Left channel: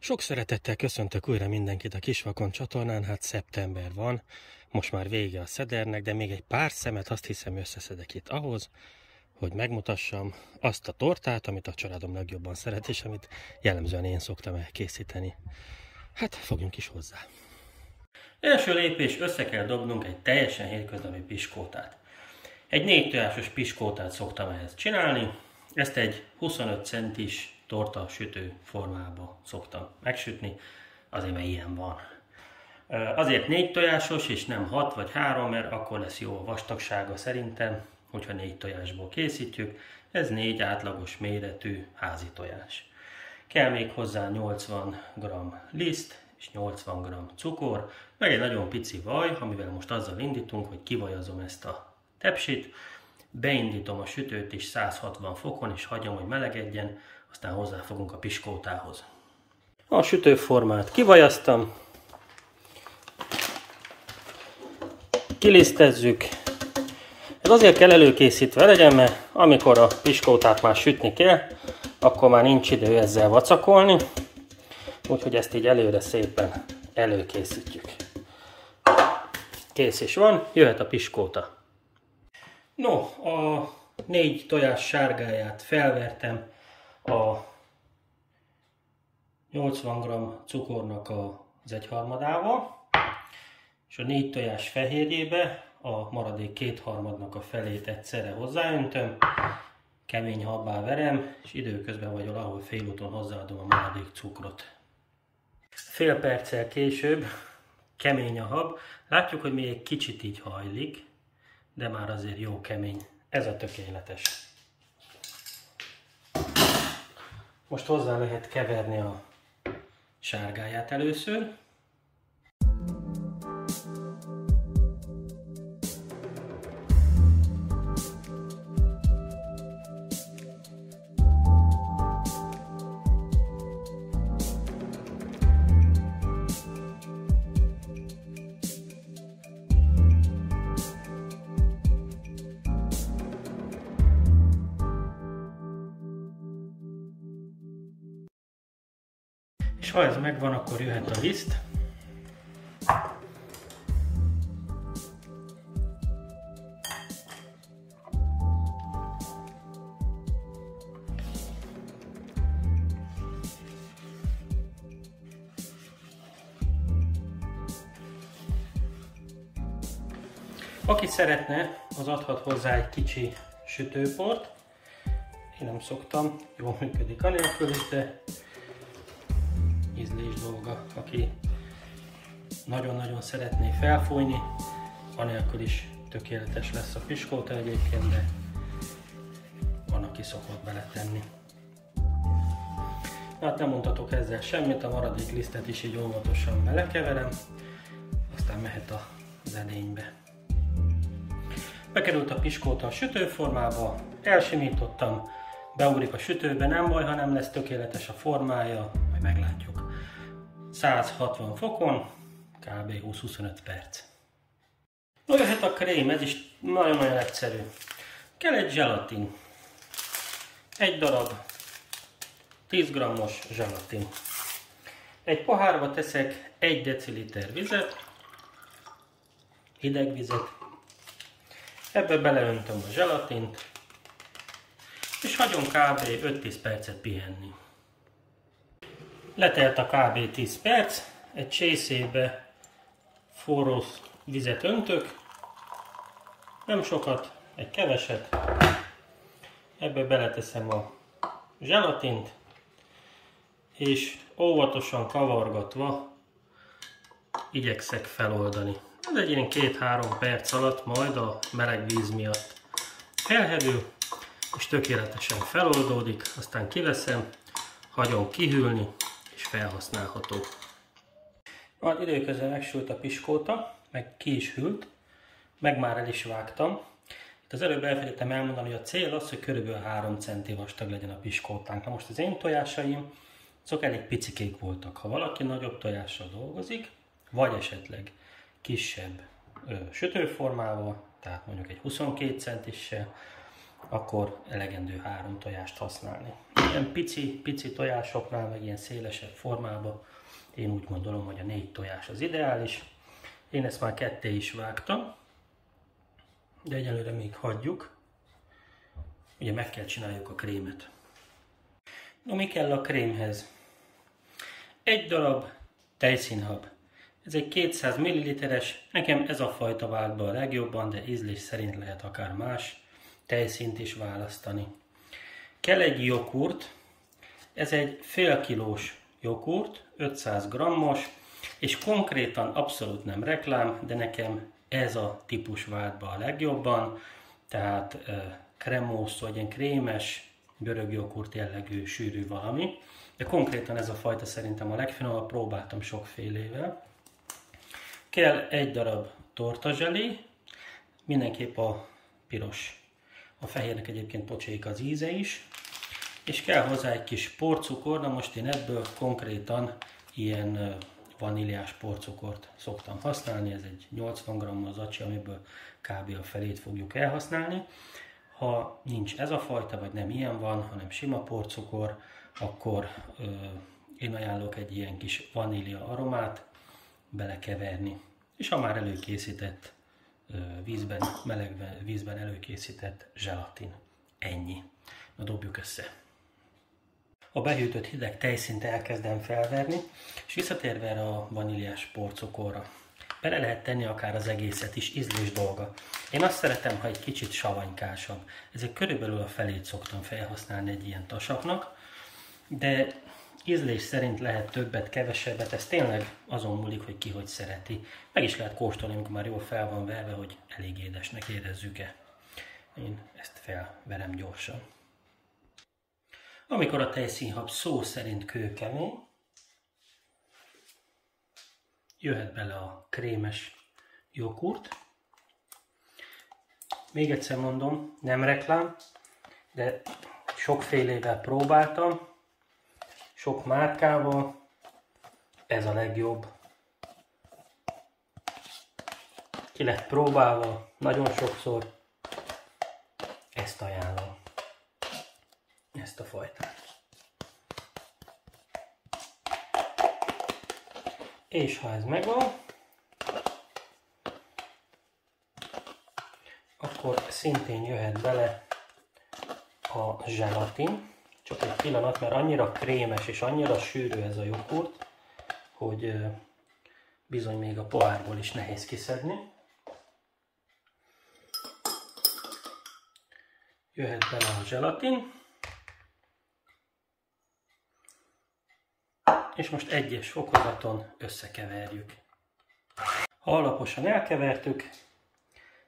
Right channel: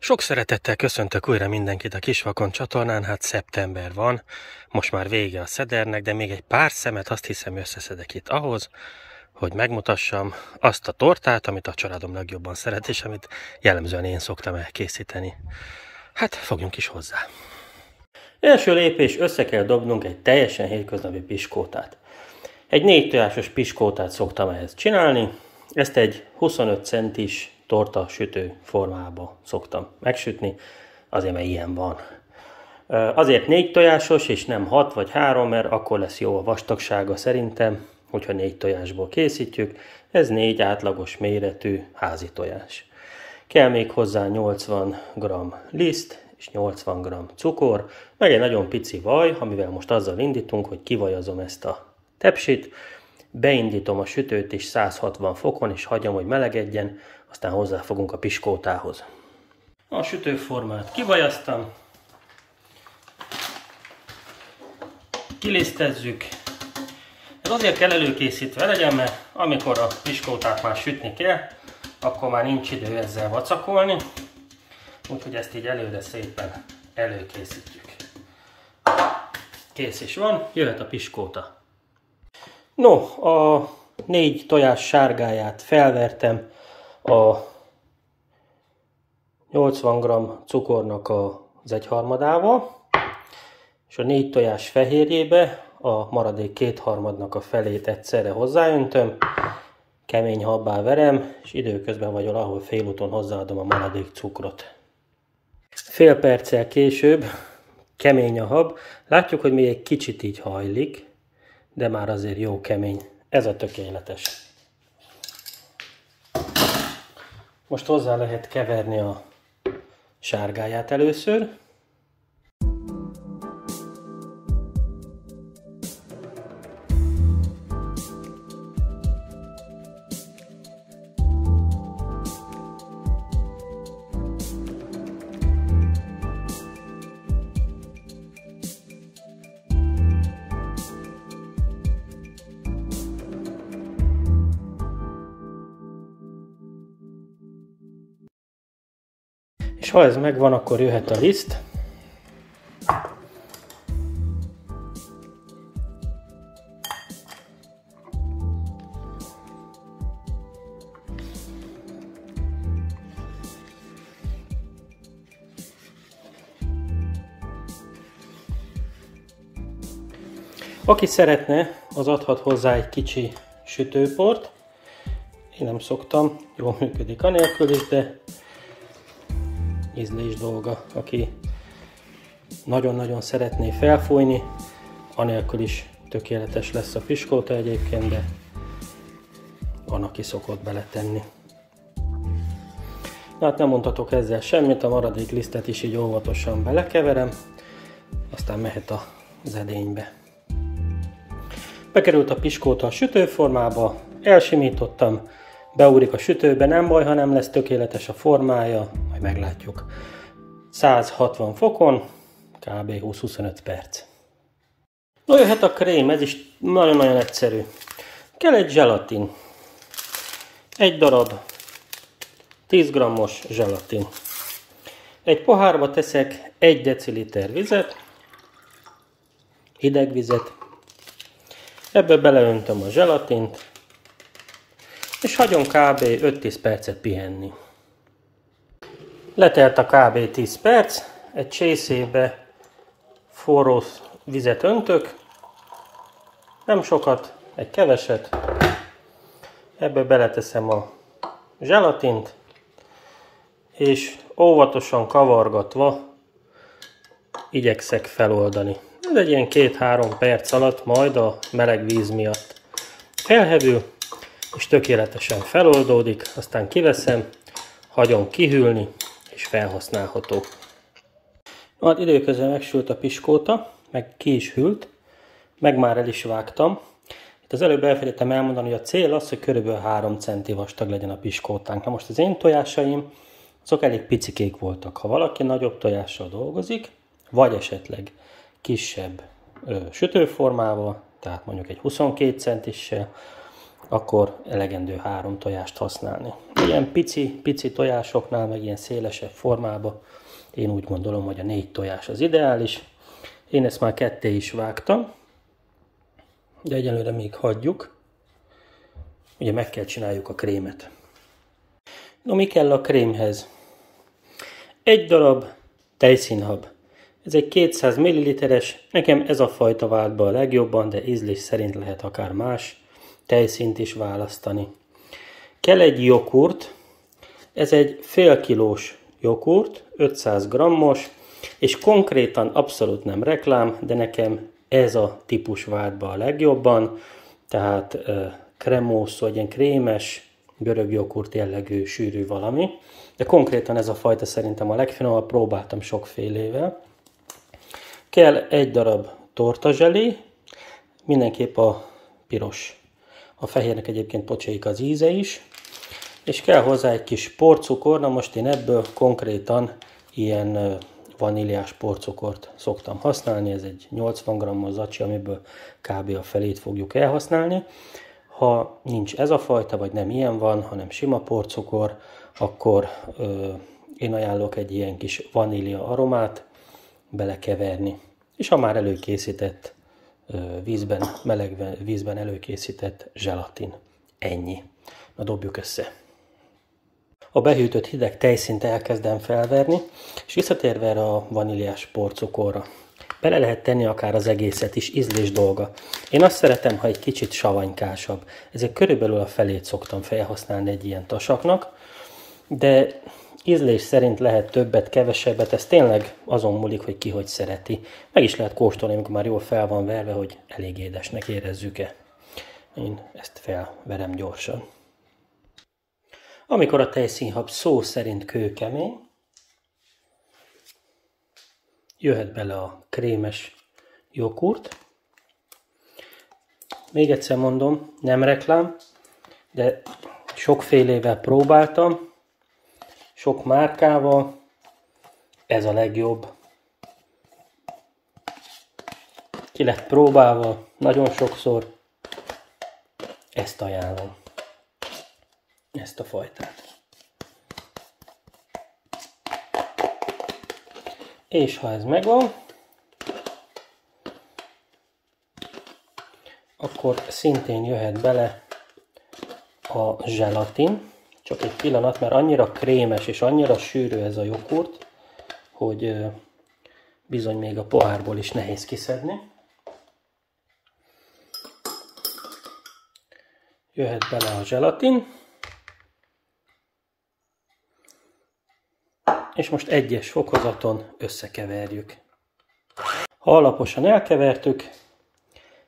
Sok szeretettel köszöntök újra mindenkit a Kisvakond csatornán, hát szeptember van, most már vége a szedernek, de még egy pár szemet azt hiszem összeszedek itt ahhoz, hogy megmutassam azt a tortát, amit a családom legjobban szeret, és amit jellemzően én szoktam elkészíteni. Hát fogjunk is hozzá. Első lépés, össze kell dobnunk egy teljesen hétköznapi piskótát. Egy 4 tojásos piskótát szoktam ehhez csinálni, ezt egy 25 centis torta sütő formába szoktam megsütni, azért mert ilyen van. Azért 4 tojásos és nem 6 vagy 3, mert akkor lesz jó a vastagsága szerintem, hogyha 4 tojásból készítjük. Ez 4 átlagos méretű házi tojás. Kell még hozzá 80 g liszt és 80 g cukor, meg egy nagyon pici vaj, amivel most azzal indítunk, hogy kivajazom ezt a tepsit, beindítom a sütőt is 160 fokon, és hagyom, hogy melegedjen, aztán hozzáfogunk a piskótához. A sütőformát kivajaztam, kilisztezzük. Ez azért kell előkészítve legyen, mert amikor a piskótát már sütni kell, akkor már nincs idő ezzel vacakolni, úgyhogy ezt így előre szépen előkészítjük. Kész is van, jöhet a piskóta. No, a 4 tojás sárgáját felvertem a 80 g cukornak az 1/3-ával, és a 4 tojás fehérjébe a maradék 2/3-nak a felét egyszerre hozzáöntöm, kemény habbá verem, és időközben vagy valahol félúton hozzáadom a maradék cukrot. Fél perccel később kemény a hab, látjuk, hogy még egy kicsit így hajlik, de már azért jó kemény. Ez a tökéletes. Most hozzá lehet keverni a sárgáját először. És ha ez megvan, akkor jöhet a liszt. Aki szeretne, az adhat hozzá egy kicsi sütőport. Én nem szoktam, jól működik anélkül is, de ízlés dolga. Aki nagyon-nagyon szeretné felfújni, anélkül is tökéletes lesz a piskóta egyébként, de van, aki szokott beletenni. Hát nem mondhatok ezzel semmit, a maradék lisztet is így óvatosan belekeverem, aztán mehet az edénybe. Bekerült a piskóta a sütőformába, elsimítottam, beugrik a sütőbe, nem baj, ha nem lesz tökéletes a formája, majd meglátjuk. 160 fokon, kb. 20-25 perc. No, jöhet a krém, ez is nagyon-nagyon egyszerű. Kell egy zselatin. Egy darab 10 g-os zselatin. Egy pohárba teszek 1 deciliter vizet, hideg vizet. Ebbe beleöntöm a zselatint, és hagyom kb. 5-10 percet pihenni. Letelt a kb. 10 perc, egy csészébe forró vizet öntök, nem sokat, egy keveset, ebbe beleteszem a zselatint, és óvatosan kavargatva igyekszek feloldani. Ez egy ilyen 2-3 perc alatt majd a meleg víz miatt felhevül, és tökéletesen feloldódik, aztán kiveszem, hagyom kihűlni, és felhasználható. Hát időközben megsült a piskóta, meg ki is hűlt, meg már el is vágtam. Itt az előbb elfelejtettem elmondani, hogy a cél az, hogy körülbelül 3 cm vastag legyen a piskótánk. Na most az én tojásaim, azok elég picikék voltak. Ha valaki nagyobb tojással dolgozik, vagy esetleg kisebb sütőformával, tehát mondjuk egy 22 centissel, akkor elegendő 3 tojást használni. Ilyen pici tojásoknál, meg ilyen szélesebb formában én úgy gondolom, hogy a 4 tojás az ideális. Én ezt már ketté is vágtam, de egyelőre még hagyjuk. Ugye meg kell csináljuk a krémet. No, mi kell a krémhez? 1 darab tejszínhab. Ez egy 200 ml-es, nekem ez a fajta vált be a legjobban, de ízlés szerint lehet akár más tejszínt is választani. Kell egy joghurt, ez egy fél kilós joghurt, 500 g-os, és konkrétan abszolút nem reklám, de nekem ez a típus vált be a legjobban, tehát kremósz, vagy ilyen krémes, görög joghurt jellegű, sűrű valami, de konkrétan ez a fajta szerintem a legfinomabb, próbáltam sokfélével. Kell 1 darab tortazselé, mindenképp a piros. A fehérnek egyébként pocsék az íze is. És kell hozzá egy kis porcukor, na most én ebből konkrétan ilyen vaníliás porcukort szoktam használni. Ez egy 80 g-os zacsi, amiből kb. A felét fogjuk elhasználni. Ha nincs ez a fajta, vagy nem ilyen van, hanem sima porcukor, akkor én ajánlok egy ilyen kis vanília aromát belekeverni. És a már előkészített vízben, meleg vízben előkészített zselatin. Ennyi. Na dobjuk össze. A behűtött hideg tejszínt elkezdem felverni, és visszatérve erre a vaníliás porcukorra. Bele lehet tenni akár az egészet is, ízlés dolga. Én azt szeretem, ha egy kicsit savanykásabb. Ezért körülbelül a felét szoktam felhasználni egy ilyen tasaknak, de ízlés szerint lehet többet, kevesebbet, ez tényleg azon múlik, hogy ki hogy szereti. Meg is lehet kóstolni, amikor már jól fel van verve, hogy elég édesnek érezzük-e. Én ezt felverem gyorsan. Amikor a tejszínhab szó szerint kőkemény, jöhet bele a krémes joghurt. Még egyszer mondom, nem reklám, de sokfélével próbáltam, sok márkával, ez a legjobb. Ki lett próbálva, nagyon sokszor, ezt ajánlom, ezt a fajtát. És ha ez megvan, akkor szintén jöhet bele a zselatin. Csak egy pillanat, mert annyira krémes és annyira sűrű ez a joghurt, hogy bizony még a pohárból is nehéz kiszedni. Jöhet bele a zselatin. És most egyes fokozaton összekeverjük. Ha alaposan elkevertük,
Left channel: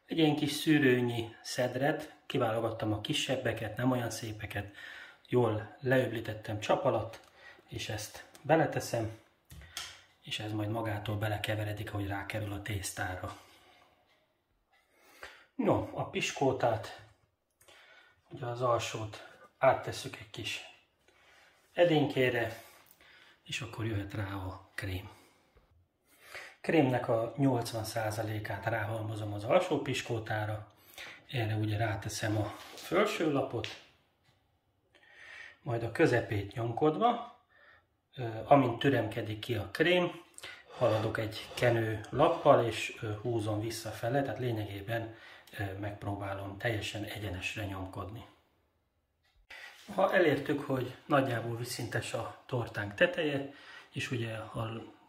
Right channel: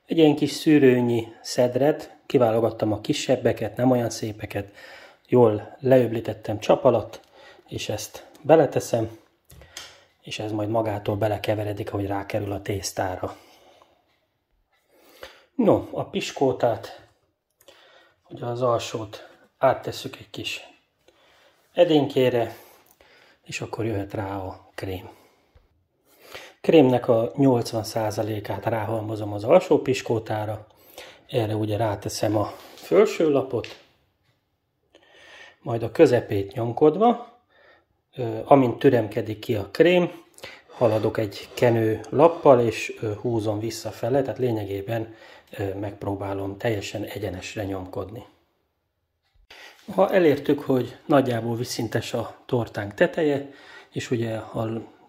egy ilyen kis szűrőnyi szedret, kiválogattam a kisebbeket, nem olyan szépeket, jól leöblítettem csap alatt, és ezt beleteszem, és ez majd magától belekeveredik, ahogy rákerül a tésztára. No, a piskótát, ugye az alsót áttesszük egy kis edénykére, és akkor jöhet rá a krém. Krémnek a 80%-át ráhalmozom az alsó piskótára, erre ugye ráteszem a felső lapot, majd a közepét nyomkodva, amint türemkedik ki a krém, haladok egy kenő lappal, és húzom visszafele, tehát lényegében megpróbálom teljesen egyenesre nyomkodni. Ha elértük, hogy nagyjából vízszintes a tortánk teteje, és ugye a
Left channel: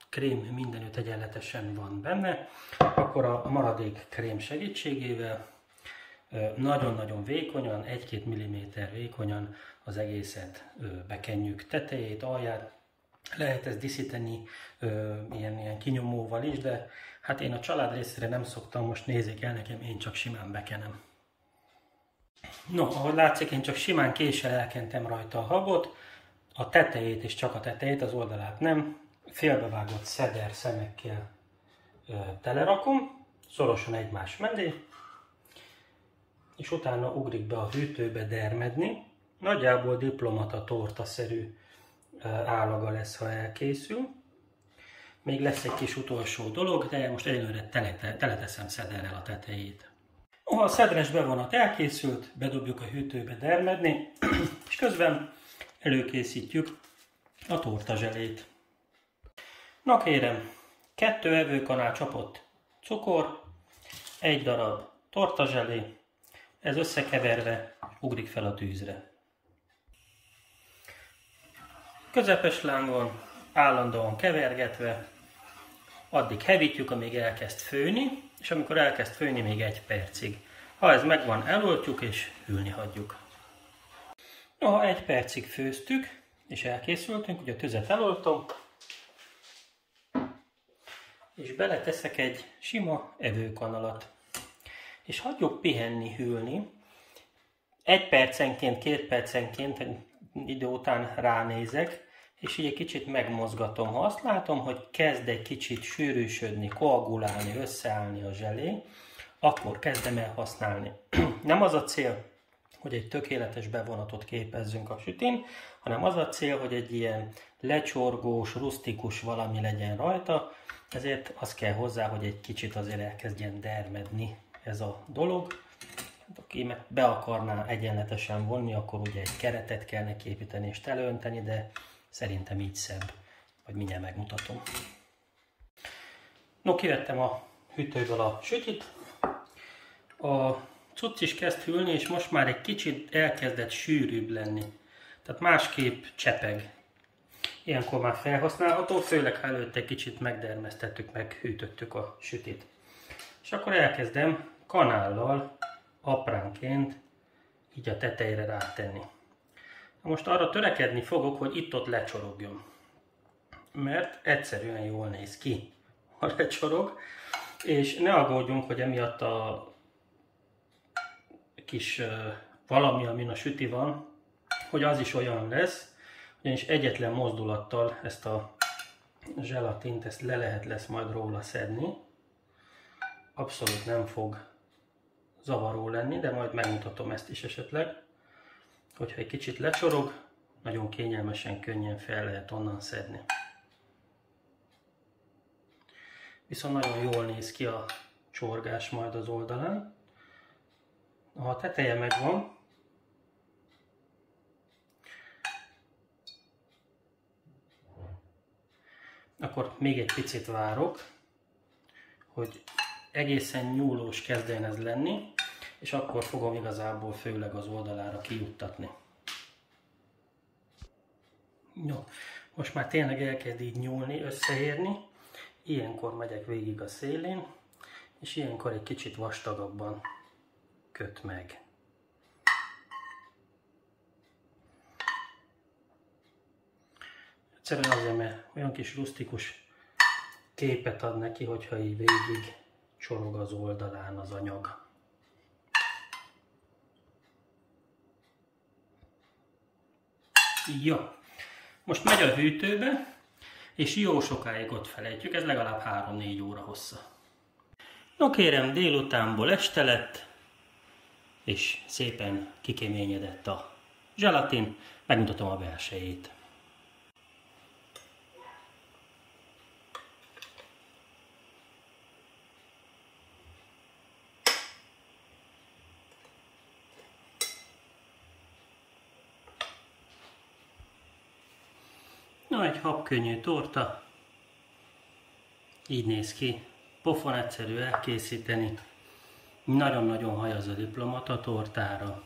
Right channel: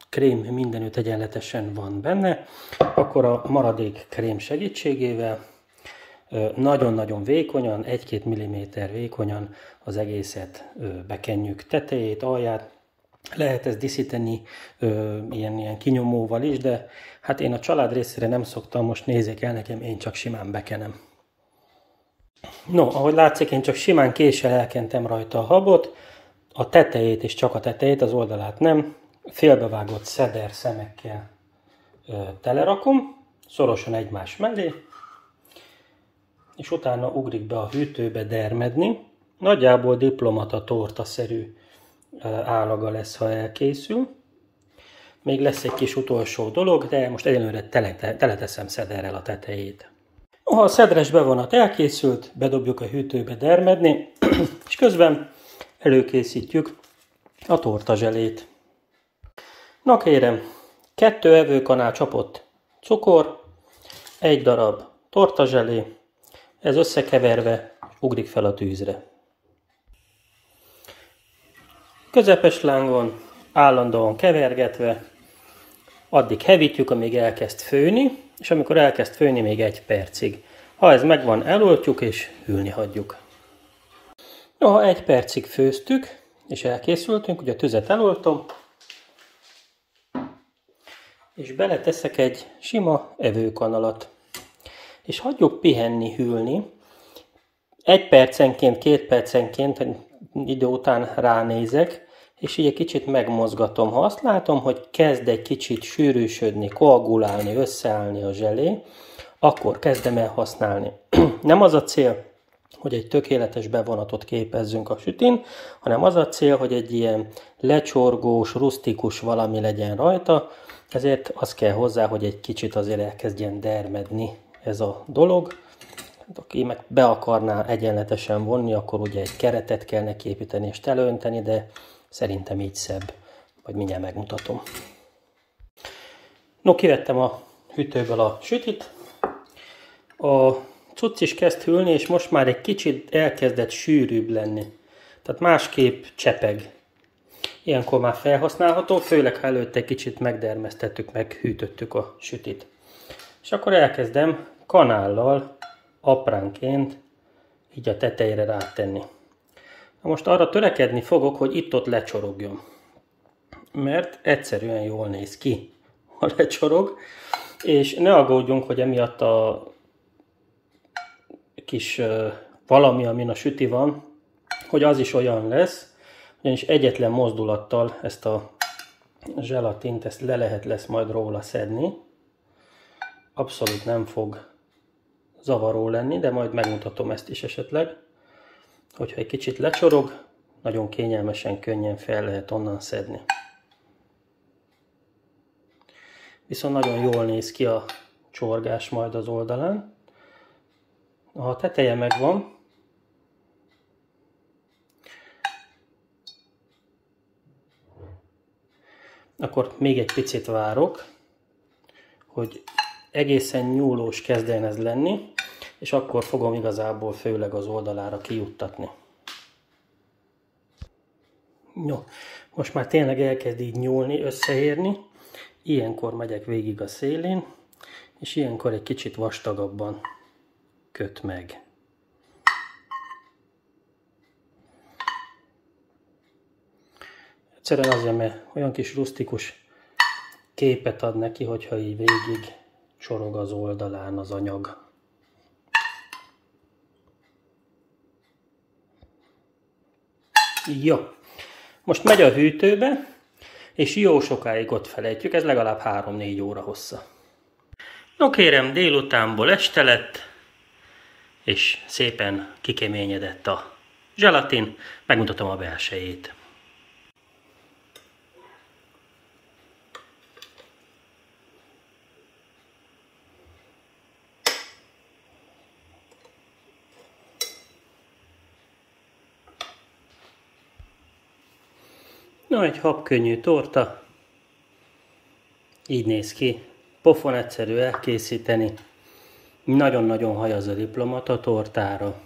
krém mindenütt egyenletesen van benne, akkor a maradék krém segítségével nagyon-nagyon vékonyan, 1-2 mm vékonyan az egészet bekenjük tetejét, alját. Lehet ezt díszíteni ilyen kinyomóval is, de hát én a család részére nem szoktam, most nézzék el nekem, én csak simán bekenem. No, ahogy látszik, én csak simán késsel elkentem rajta a habot, a tetejét és csak a tetejét, az oldalát nem, félbevágott szeder szemekkel telerakom, szorosan egymás mellé, és utána ugrik be a hűtőbe dermedni. Nagyjából diplomata tortaszerű állaga lesz, ha elkészül. Még lesz egy kis utolsó dolog, de most egyelőre teleteszem szederrel a tetejét. A szedres bevonat elkészült, bedobjuk a hűtőbe dermedni, és közben előkészítjük a tortazselét. Na kérem, 2 evőkanál csapott cukor, 1 darab tortazselé, ez összekeverve ugrik fel a tűzre. Közepes lángon, állandóan kevergetve, addig hevítjük, amíg elkezd főni, és amikor elkezd főni, még 1 percig. Ha ez megvan, eloltjuk és hűlni hagyjuk. Ha 1 percig főztük, és elkészültünk, ugye a tüzet eloltom, és beleteszek egy sima evőkanalat. És hagyjuk pihenni, hűlni. 1 percenként, 2 percenként idő után ránézek, és így egy kicsit megmozgatom. Ha azt látom, hogy kezd egy kicsit sűrűsödni, koagulálni, összeállni a zselé, akkor kezdem el használni. Nem az a cél, hogy egy tökéletes bevonatot képezzünk a sütin, hanem az a cél, hogy egy ilyen lecsorgós, rusztikus valami legyen rajta, ezért az kell hozzá, hogy egy kicsit azért elkezdjen dermedni ez a dolog. Aki meg be akarná egyenletesen vonni, akkor ugye egy keretet kell neki építeni és teleönteni, de szerintem így szebb. Majd mindjárt megmutatom. No, kivettem a hűtőből a sütit. A cucc is kezd hűlni, és most már egy kicsit elkezdett sűrűbb lenni. Tehát másképp csepeg. Ilyenkor már felhasználható, főleg ha előtte egy kicsit megdermesztettük, meghűtöttük a sütit. És akkor elkezdem kanállal apránként így a tetejére rátenni. Most arra törekedni fogok, hogy itt-ott lecsorogjon. Mert egyszerűen jól néz ki, ha lecsorog. És ne aggódjunk, hogy emiatt a kis valami, amin a süti van, hogy az is olyan lesz, ugyanis egyetlen mozdulattal ezt a zselatint, ezt lesz majd róla szedni. Abszolút nem fog zavaró lenni, de majd megmutatom ezt is esetleg. Hogyha egy kicsit lecsorog, nagyon kényelmesen, könnyen fel lehet onnan szedni. Viszont nagyon jól néz ki a csorgás majd az oldalán. Ha a teteje megvan, akkor még egy picit várok, hogy egészen nyúlós kezdjen ez lenni, és akkor fogom igazából főleg az oldalára kijuttatni. Jó, most már tényleg elkezd így nyúlni, összeérni. Ilyenkor megyek végig a szélén, és ilyenkor egy kicsit vastagabban köt meg. Egyszerűen azért, mert olyan kis rusztikus képet ad neki, hogyha így végig csorog az oldalán az anyag. Jó, most megy a hűtőbe, és jó sokáig ott felejtjük, ez legalább 3-4 óra hossza. No kérem, délutánból este lett, és szépen kikeményedett a zselatin, megmutatom a belsejét. Na, egy habkönnyű torta, így néz ki, pofon egyszerű elkészíteni, nagyon-nagyon hajaz a diplomat a tortára,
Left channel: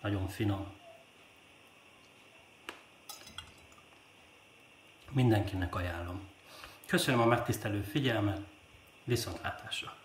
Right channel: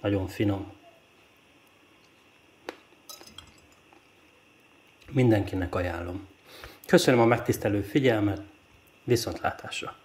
nagyon finom. Mindenkinek ajánlom. Köszönöm a megtisztelő figyelmet, viszontlátásra!